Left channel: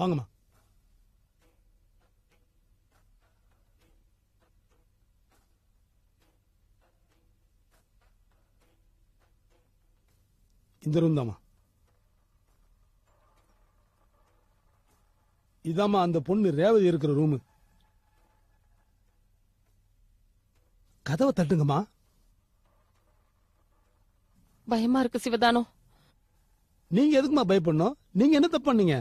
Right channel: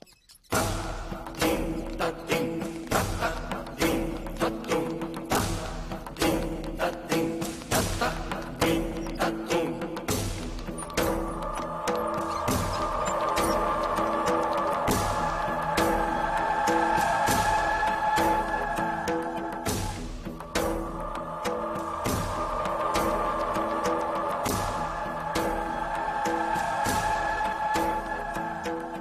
வாங்கம்மா. இதாம்மா அந்த பொண்ணு ரேவதி இருக்கிற ரூம். கதவை தட்டுங்கம்மா. பயமா இருக்கு சிவதானம். நீங்க எதுக்குமா பயப்படணும்? நீங்க என்ன தப்பு பண்ணீங்க?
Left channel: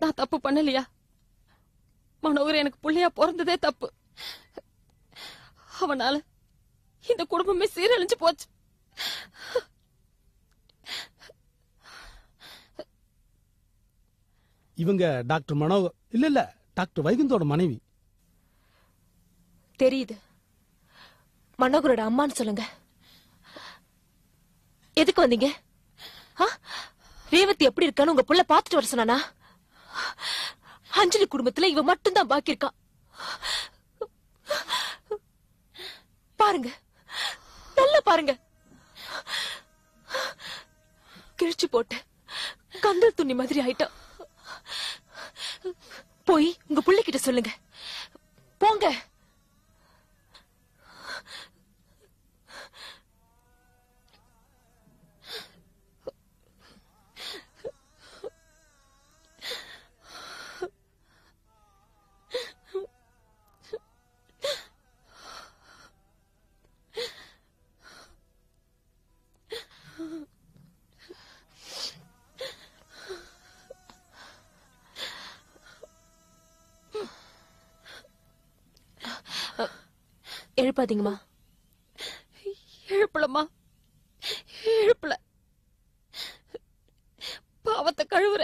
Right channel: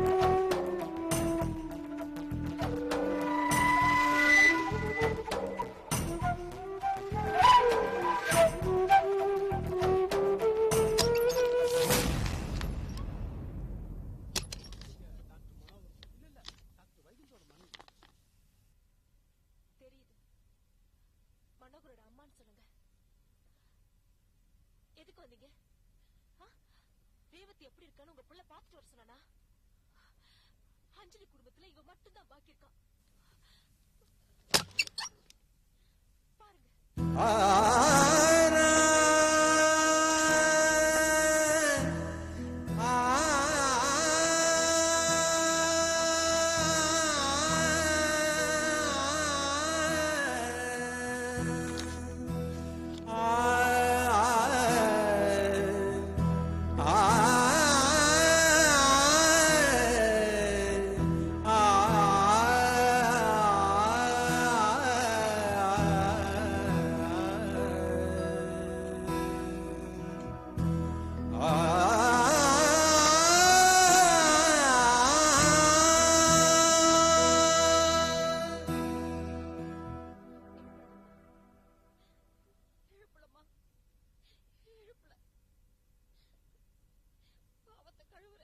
நான் தப்பு பண்ணலையா? மனோகர் எனக்கு புள்ளையா பிறந்ததே தப்பு. அவனால இந்த குடும்பமே சீரழிஞ்சு போச்சு. இவங்க டாக்டர் மனோகர் இல்ல டாக்டர் வைகுந்தோட மனைவி. தெரியுது. மனோகரோட அம்மான்னு சொல்லுங்க. எதுக்கு வந்தீங்க? ரேவதி எப்படி இருக்கான்னு உங்க புள்ள பாத்துட்டு வர சொன்னானா? அஞ்சலி குடும்பத்துல இவ மட்டும் தான் பாக்கி இருக்கா. பாருங்க, பாருங்க. கிழிச்சு போட்ட கந்தல் துணி மாதிரி ஆயிட்டா. போய் உங்க புள்ளைகிட்ட சொல்லுங்க. போங்க. எழுப்பாதீங்கம்மா. எழுப்பலம்மா, எழுப்பல. பாவத்தை கழுவுற,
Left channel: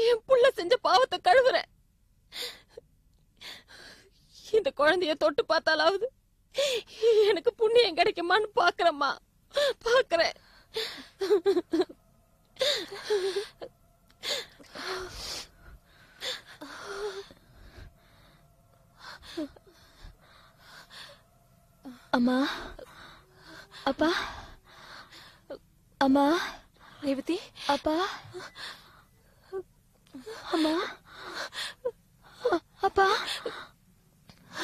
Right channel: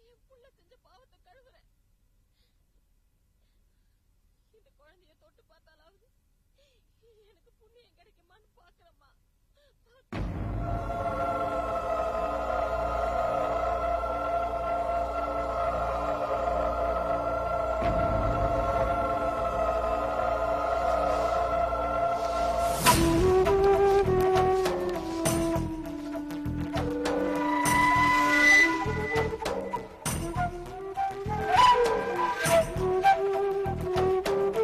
என் புள்ள செஞ்ச பாவத்தை கழுவுற. இந்த குழந்தைய தொட்டு பார்த்தாலாவது எனக்கு புண்ணியம் கிடைக்குமான்னு பாக்குறேம்மா, பாக்குறேன். அம்மா, அப்பா, அம்மா, ரேவதி, அப்பா, அம்மா, அப்பா,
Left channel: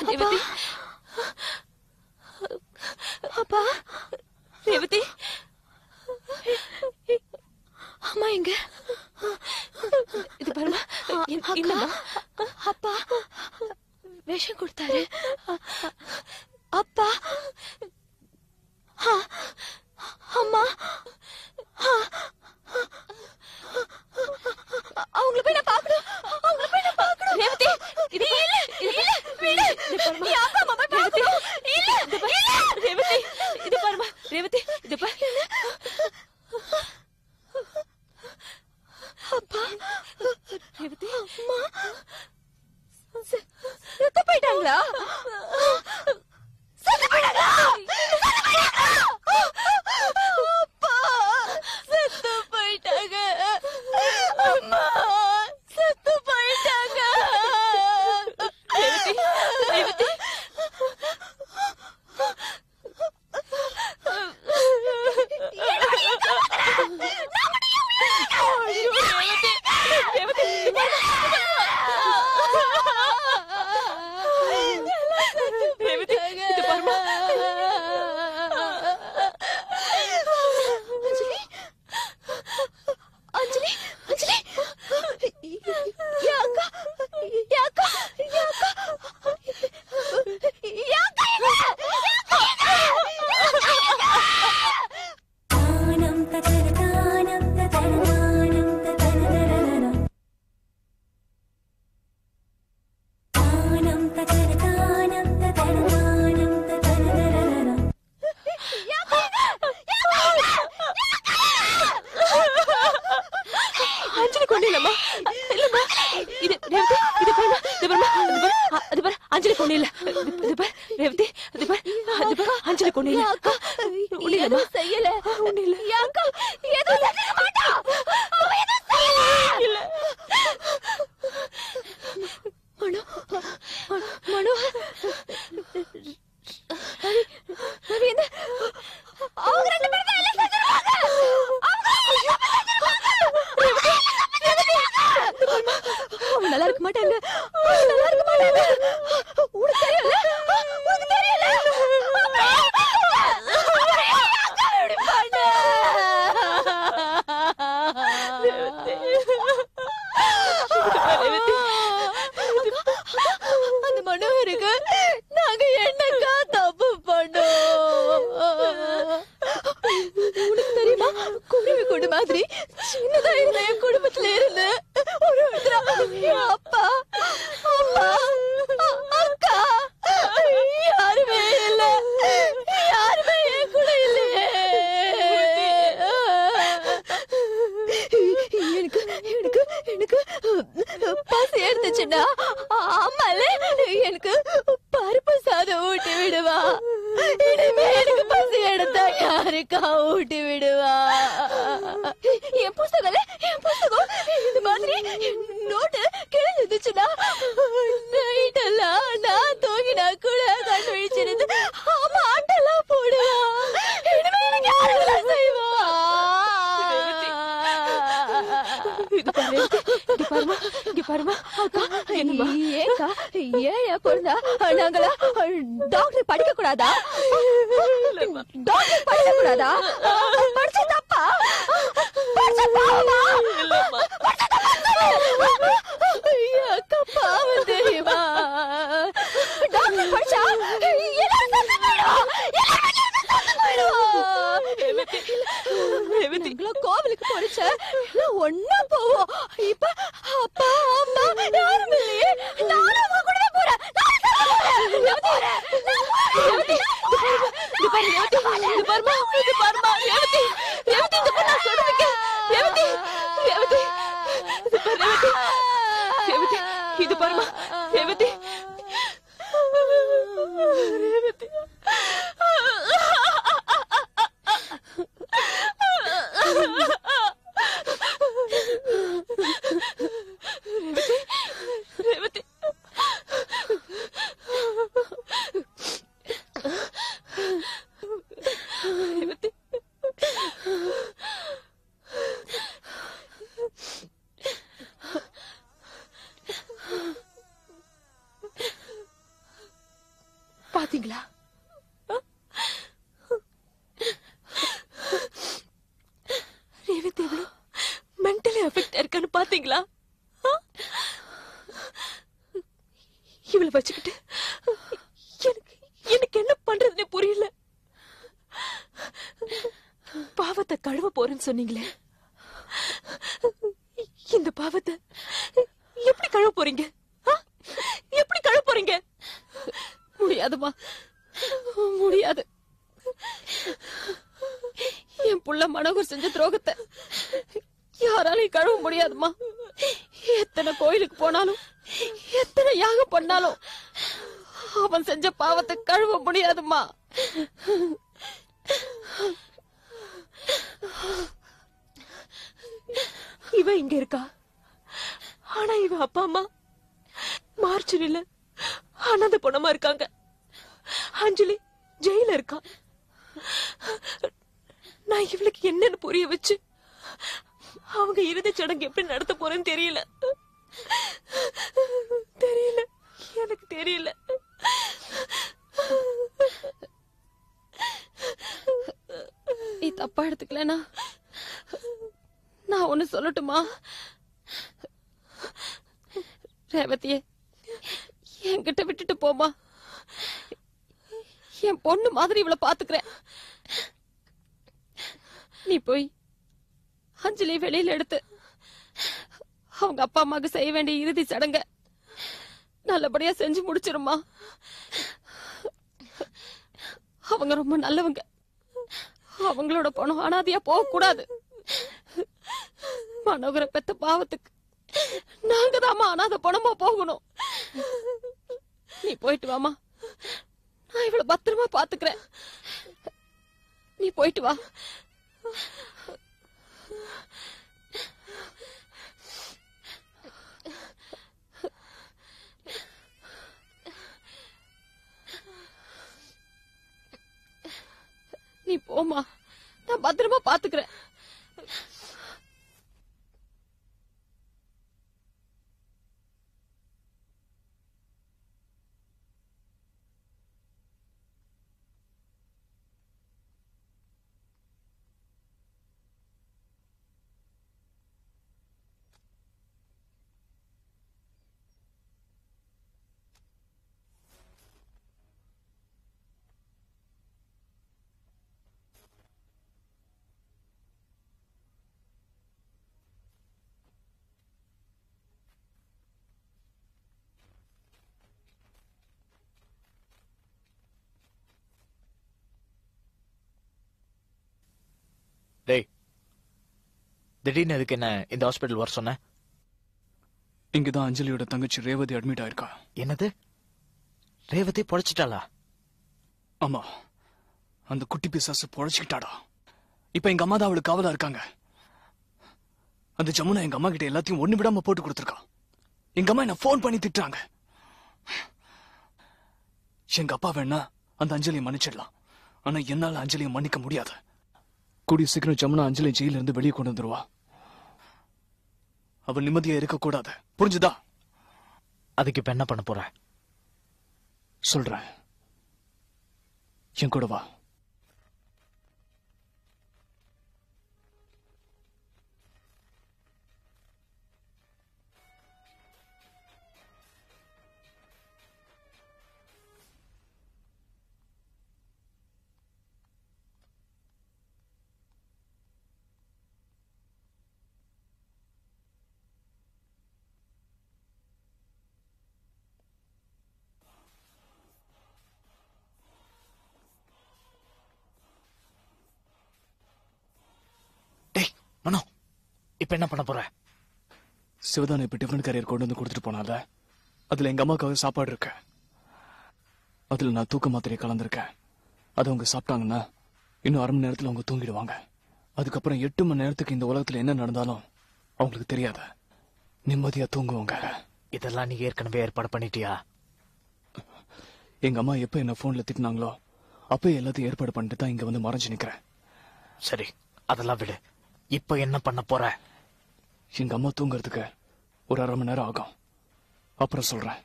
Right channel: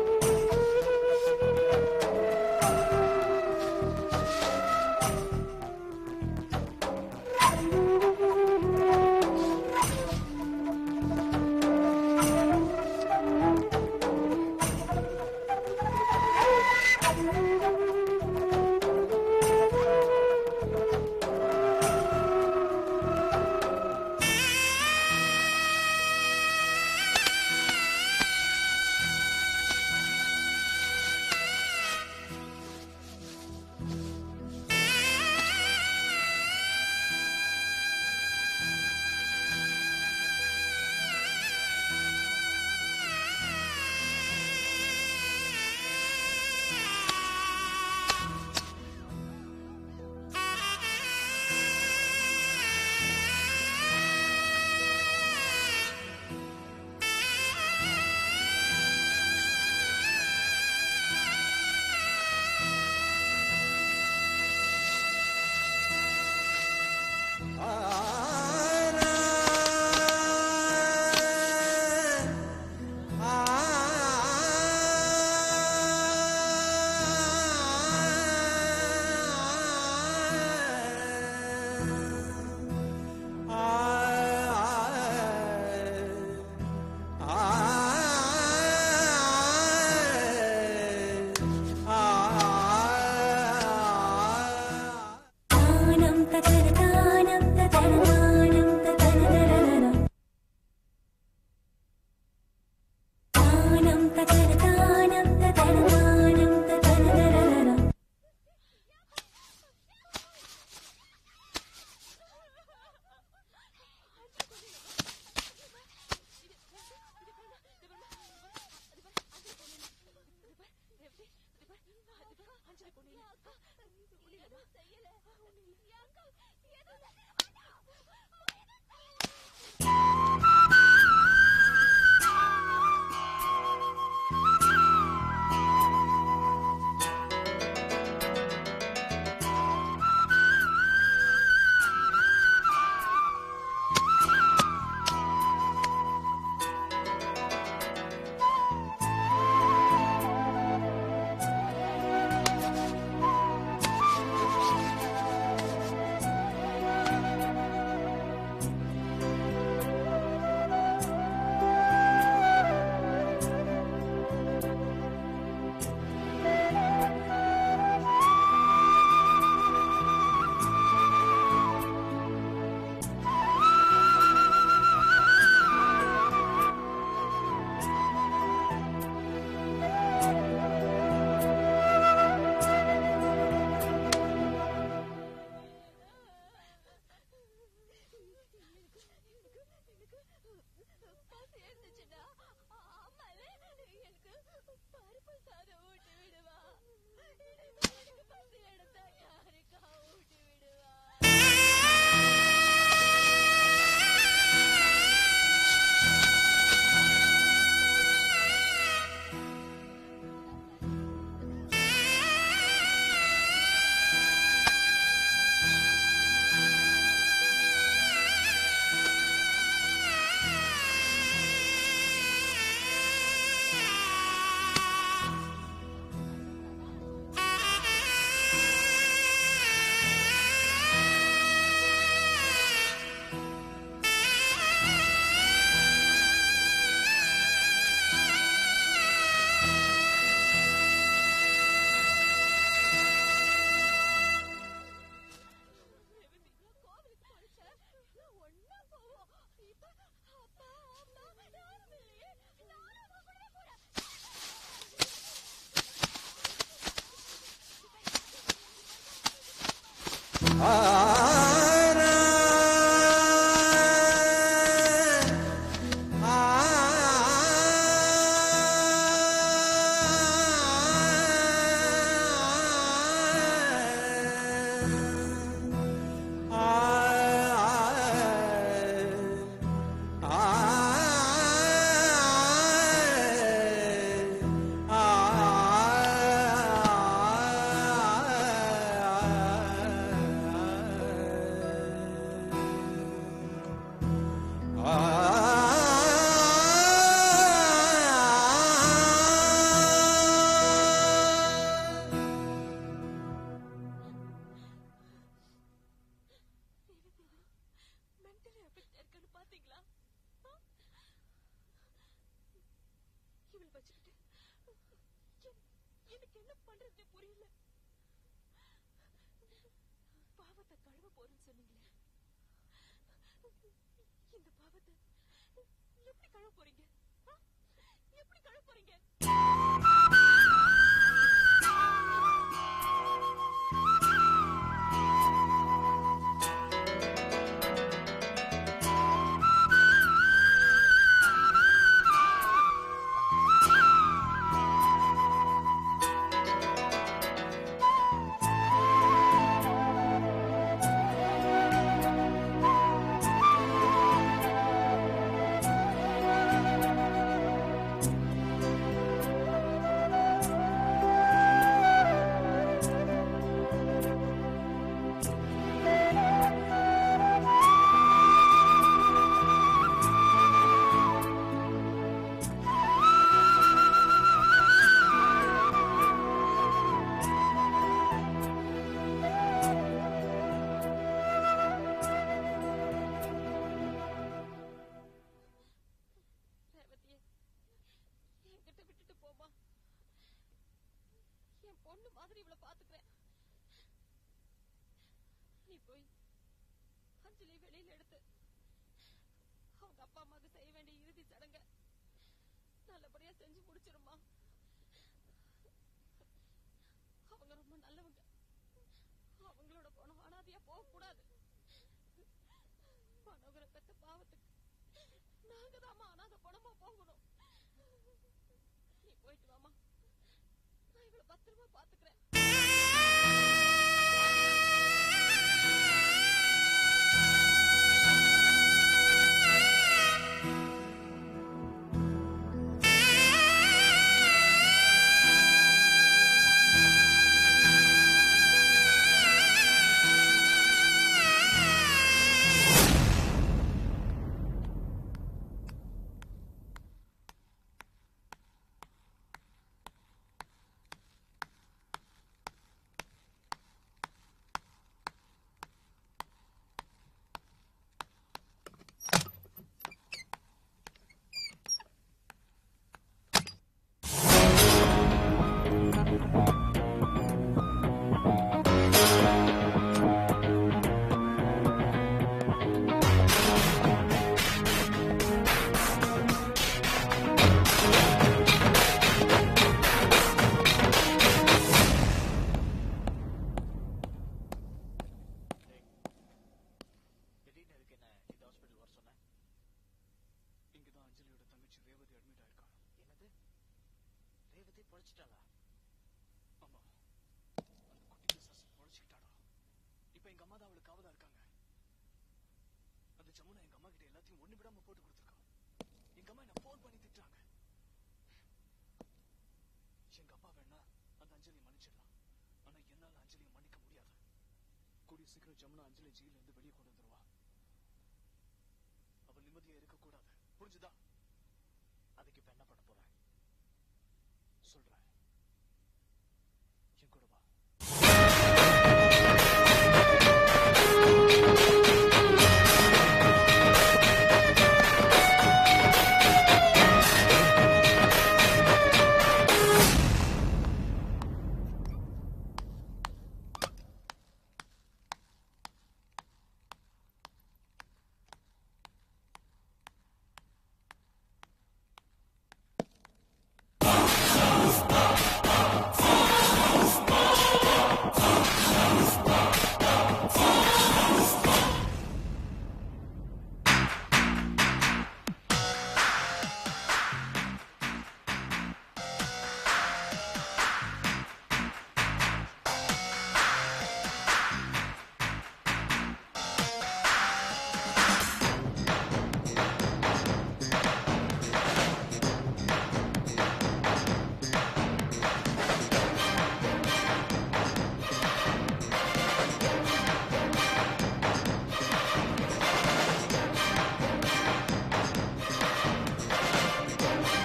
ரேவதி, அப்பா, ரேவதி, அம்மா எங்க? இது பாருங்க, அப்பா விஷம் கொடுத்தாரு. அப்பா, அம்மா, அவங்களை போய் நான் பார்க்கணும். அவங்களை போய் நான் பார்க்கணும். ரேவதி, இது ரேவதி, இது பாருமா. ரேவதி, இது பாரு. அப்பா, செத்து போயிட்டாங்களா? செத்து போயிட்டாங்களா? செத்து போயிட்டாங்க. அம்மா, செத்து போயிட்டாங்க. ரேவதி, அஞ்சலி, அஞ்சலி, யாக்கா, யாக்கா, அஞ்சலி கொண்டு இல்லம்மா, இல்லம்மா. இது ரேவதி, இது பாருமா, இது பாருமா, இது பாரு, அஞ்சலி கொண்டு இல்ல. இது பாரு ரேவதி, இது பாரு, இது பாரு, அஞ்சலி கொண்டு இல்ல. ஒண்ணுலம்மா, செய்யல, ஒண்ணு இல்ல. யாக்கா, ஏதோ செய்ய மாட்டா. அவ ஏதோ செய்யல. இல்ல. மனோ, சரி, என்ன? அவங்க ரெண்டு பேரும் எல்லாம் செஞ்சிருவாங்க. ரேவதி, ரேவதி, இருக்க மாட்டாங்க. அவங்க நல்லா இருக்க மாட்டாங்க. உனக்கு தெரியல? உனக்கு தெரியல? அந்த மனோகருக்கு நாங்க என்னக்கா தப்பு பண்ணோம்? உனக்கு தெரியுமா, குடும்ப கொண்டு மாதிரி சின்னதா இருந்த என் குடும்பத்துல இருந்து அப்பா அம்மா அக்கா யாருமே இல்ல. யாருமே என் கூட இல்லையே. எனக்கு எனக்கு எனக்கு பசி எடுத்துச்சுன்னா அம்மால எனக்கு பருப்பு சாதம் ஊட்டி விடுவா. இனிமே எனக்கு பசி எடுத்தா யாருக்கா ஊட்டி விடுவா? என் புத்தகத்துல என் புத்தகம் இந்த மாதிரி நோட்டு கிழிஞ்சிச்சுன்னா நைட்டெல்லாம் நான் தூங்கினா கூட கண் விழிச்சிருந்து அம்மா அண்டெல்லாம் போடுவா. இனிமே எனக்கு யாருதான் செய்வா? டாக்டர் படிக்க கூடாதா? டாக்டர் படிக்க கூடாதா? படிச்ச தப்பா? தப்பா தெரியுமா? டாக்டர் படிச்சா கோவிலுக்கு போறச்ச ஒன்னா போவோம். இப்ப அப்பா அம்மா யாரும் இல்லையே. நானும் அவங்க கூட போறேன். பாத்தீங்களா? இவளை வச்சுக்கிட்டு எனக்கு என்ன பண்றதுன்னு புரியல. பாவத்தை கழுவ போறேன்னு சொன்னீங்களே, இந்த பாவத்தை எப்படி கழுவ போறீங்க? எப்படி கழுவ போறீங்க? முடியாதுமா, முடியாது. என் புள்ள மனோகர் செஞ்ச துரோகத்தை யாராலையும் கழுவ முடியாதுமா. எத்தனை கோயிலுக்கு போனாலும் எத்தனை யாகம் பண்ணாலும் அவன் செஞ்ச பாவத்தை கழுவ முடியாதுமா. இவ இங்க இருக்கா, ஆனா இவ அப்பா அம்மா மார்ச்சரியில அனாதை பொணமா இருக்காங்க. அஞ்சலி ஜெயில இருக்கா. நான் இவளுக்கு என்னன்னு புரிய வச்சு அவங்க இறுதி சடங்கு எப்படி நடத்த போறேன்னு தெரியல. தெரியல, எனக்கு தெரியல. நீ தப்பா எடுத்துக்கலனா நான் ஒண்ணு சொல்லட்டுமா? ரேவதியே, என்கிட்ட விட்டுட்டு போமா. என் பொண்ணு மாதிரி இவளை பாத்துக்கிறேன். நீ போய் அஞ்சலி வெளியில எடுத்து அவங்க அப்பா அம்மாக்கு செய்ய வேண்டிய இறுதி சடங்க நல்லபடியா செஞ்சு முடிச்சிருமா. அவங்க ரொம்ப நல்லவங்க. அவங்களோட பணம் அனாதையா போக கூடாது. மனோகர பெத்த பாவத்துக்கு நாங்க தாமா அனாதை பணமா போகணும். நீ போயிட்டு வாமா, நான் இவ்வளவு பத்திரமா பாத்துக்கிறேன். நீ போயிட்டு வா. நீ போமா, நான் பத்திரமா பாத்துக்கிறேன். திடீர்னு எதுக்கு என்ன இந்த ஹாஸ்பிட்டல் வர சொன்ன? இங்கதான் அஞ்சலியோட தங்கச்சி ரேவதி அட்மிட் ஆயிருக்கா. என்னது? ரேவதி பொழைச்சிட்டாளா? ஆமா, அந்த குட்டி பிசாசு பொழைச்சிக்கிட்டாடா. இப்ப எங்க அம்மா தான் அவளுக்கு காவலா இருக்காங்க. அந்த ஜமுனா எங்க அம்மா கிட்ட எல்லாத்தையும் ஒண்ணு விடாம போட்டு கொடுத்துருக்கா. எங்க அம்மா என்ன போன் பண்ணி திட்டுறாங்க. எங்க அப்பா வேணா அந்த அஞ்சலியை மன்னிச்சிடலாம், ஆனா என்னால அஞ்சலியை மன்னிக்க முடியாது. கூடிய சீக்கிரம் ஜமுனா அஞ்சலி ஜெயில இருந்து வெளியே கொண்டு வந்துருவா. அவ நிம்மதியா இருக்க கூடாது, புரிஞ்சுதா? அதுக்கு இப்ப என்ன பண்ண போற? சொல்றேன், என் கூட வா. இப்ப என்ன பண்ண போற? சிவகாமி இப்ப டிஃபன் கரையை கொண்டு வந்து கொடுத்து போனாங்க. அதுல எங்க அம்மாக்காக சாப்பாடு இருக்கு. அதுல நான் தூக்க மாத்திரை கலந்துருக்கேன். அதை அவங்க சாப்பிட்டாங்கன்னா இன்னும் 1/2 மணி நேரத்துல அவங்க தூங்கிடுவாங்க. அதுக்கப்புறம் 8 மணி நேரத்துக்கு இந்த உலகத்துல என்ன நடந்தாலும் அவங்களுக்கு தெரியாது. நிம்மதியா தூங்குவாங்க. இதெல்லாம் நீங்க ஏற்கனவே ஏற்பாடு பண்ணிட்டியா? எங்க அம்மா எப்ப என்ன போன் எடுத்துக்கிறாங்களோ அப்போ எல்லாத்தையும் ஏற்பாடு பண்ணிட்டு தான் இங்க வந்து மறைச்சு நிற்கிறேன். சரி, அதெல்லாம் விடு. இப்ப என்ன பண்ண போற? இந்த அம்மா தூங்குறதுக்கு ஒரு 1/2 மணி நேரம் ஆகும். அப்புறம் சொல்றேன்.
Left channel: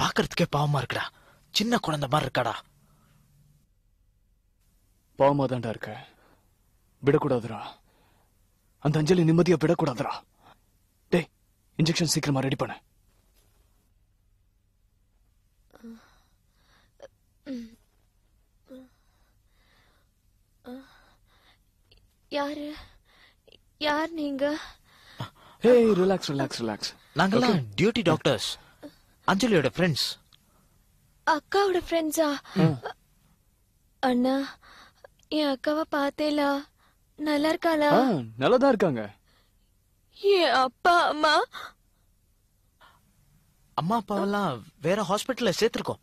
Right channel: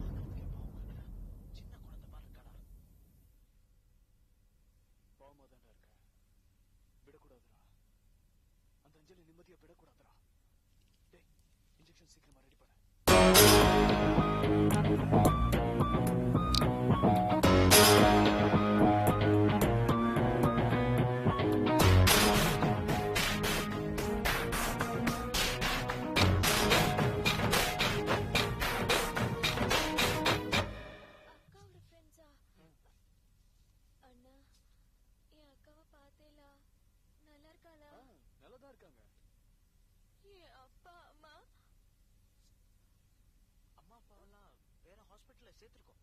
பாக்குறதுக்கே பாவமா இருக்குடா. சின்ன குழந்தை மாதிரி இருக்காடா. பாவமா தான்டா இருக்க. விடக்கூடாதுரா. அந்த அஞ்சலி நிம்மதியா விடக்கூடாதுரா. டேய், இன்ஜெக்ஷன் சீக்கிரமா ரெடி பண்ண. யார் நீங்க? Hey, relax, relax, relax. நாங்கெல்லாம் டியூட்டி டாக்டர்ஸ். அஞ்சலியோட ஃப்ரெண்ட்ஸ். அக்காவோட ஃப்ரெண்ட்ஸா? அண்ணா, என் அக்காவை பார்த்தேலா? நல்லா இருக்காளா? நல்லாதான் இருக்காங்க. என் அப்பா அம்மா? அம்மா அப்பாவெல்லாம் வேற ஹாஸ்பிட்டல்ல சேர்த்திருக்கோம்.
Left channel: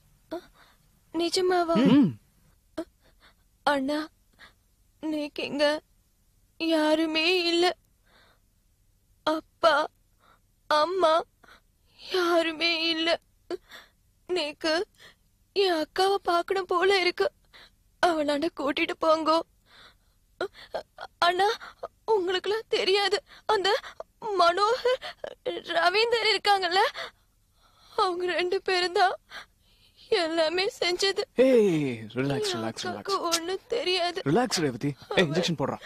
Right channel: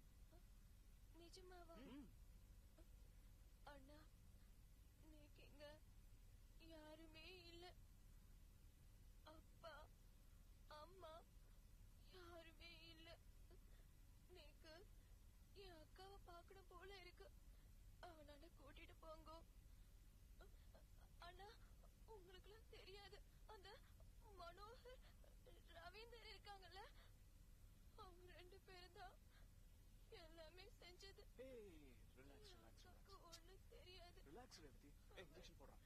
நிஜமாவா? அண்ணா, நீக்கு இங்க யாருமே இல்ல. அப்பா அம்மா யாருமே இல்ல. நீக்கு என் அக்காவை பார்க்கணும் போல இருக்கு. அவளாண்ட கூட்டிட்டு போங்கோ. அண்ணா, உங்களுக்குலாம் தெரியாது, அந்த மனோகர் ரவீந்தர் இருக்காங்கல்ல, அவங்க 2 பேரும் தான் எல்லாமே செஞ்சது. Relax relax relax. ஒண்ணும் தெரியாது. ரிலாக்ஸ் ரேவதி. இன்ஜெக்ஷன் போடுறா.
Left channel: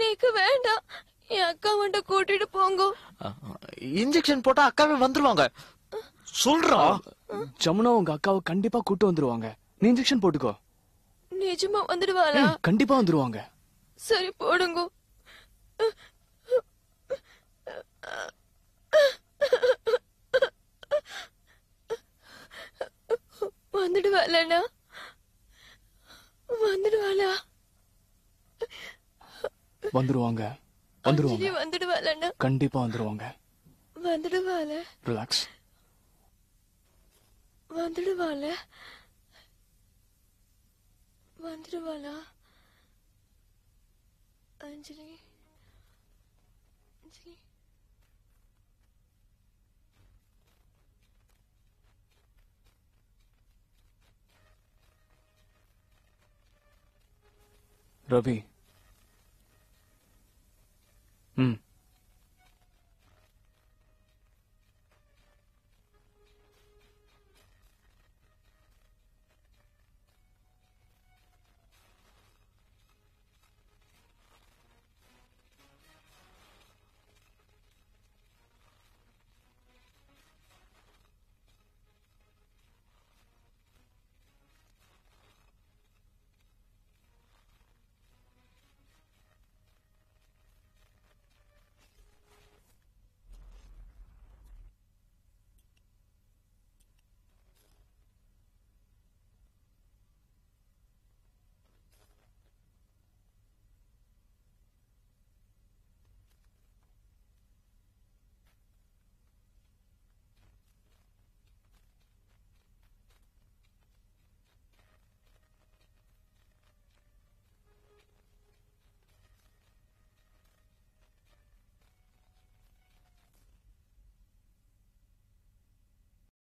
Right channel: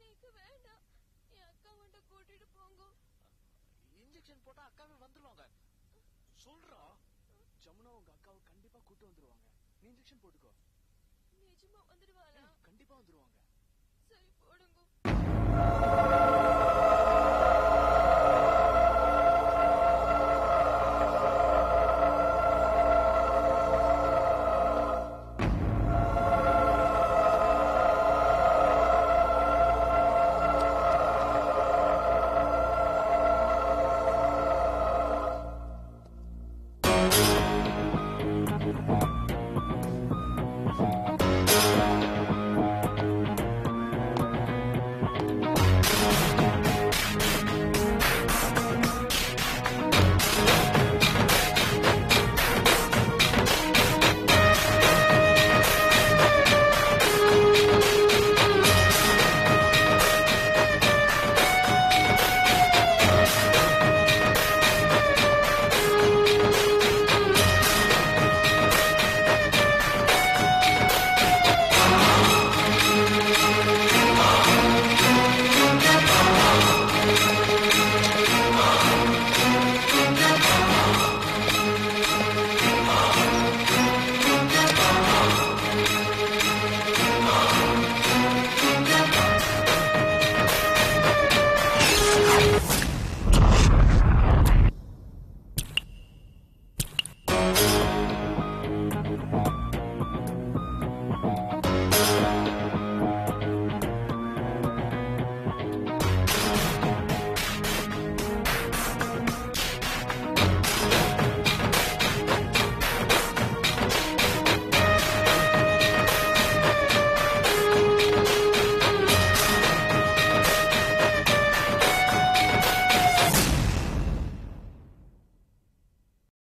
நீக்கு வேண்டாம், என் அக்கா மட்டும் கூட்டிட்டு போங்க. இன்ஜெக்ஷன் போட்டா அக்காவே வந்துருவாங்க. சொல்றா. ஜமுனா உங்க அக்காவை கண்டிப்பா கூட்டு வந்துருவாங்க. நீ இன்ஜெக்ஷன் போட்டுக்கோ. நிஜமா வந்துடுவாளா? கண்டிப்பா வந்துருவாங்க. சரி போடுங்க. வந்துடுவாளா? வந்துடுவாளா? வந்துருவாங்க. வந்துருவாங்க. வந்துடுவாளா? கண்டிப்பா வந்துருவாங்க. வந்துடுவாளா? ரிலாக்ஸ்.